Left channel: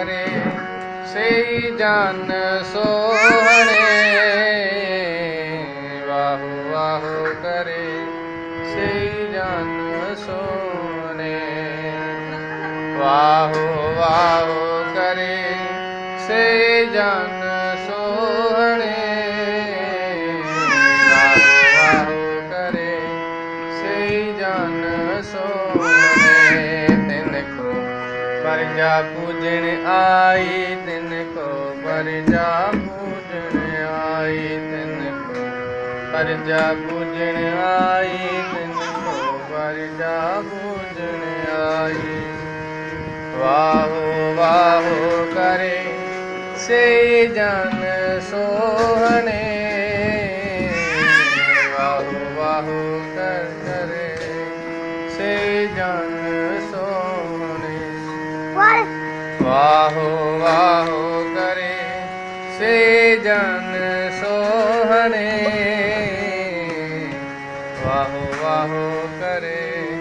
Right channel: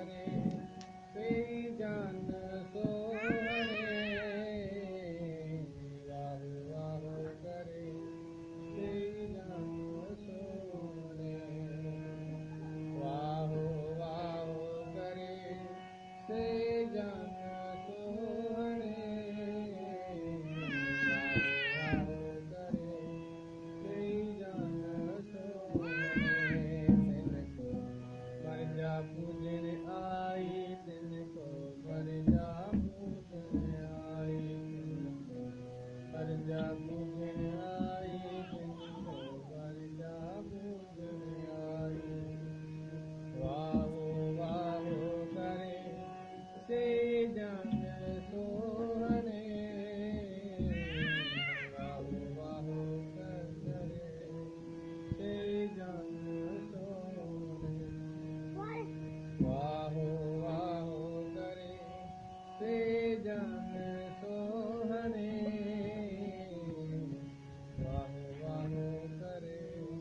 ਕਰੇ ਸਈ ਜਨ ਸੋਹਣੇ ਵਾਹੋ ਵਾਹੋ ਕਰੇ ਸਈ ਜਨ ਸੋਹਣੇ ਵਾਹੋ ਵਾਹੋ ਕਰੇ ਸੇ ਜਨ ਪਰਜਾ ਪੂਜਣ ਆਈ, ਤਿਨ ਕੋ ਪਰਜਾ ਪੂਜਣ ਆਈ, ਤਿਨ ਕੋ ਪਰਜਾ ਪੂਜਣ ਆਈ, ਤਿਨ ਕੋ ਪਰਜਾ ਪੂਜਣ ਆਈ। ਵਾਹੋ ਵਾਹੋ ਕਰੇ ਸੇ ਜਨ ਸੋਹਣੇ। ਵਾਹੋ ਵਾਹੋ ਵਾਹੋ ਵਾਹੋ ਕਰੇ ਸੇ ਜਨ ਸੋਹਣੇ। ਵਾਹੋ ਵਾਹੋ ਕਰੇ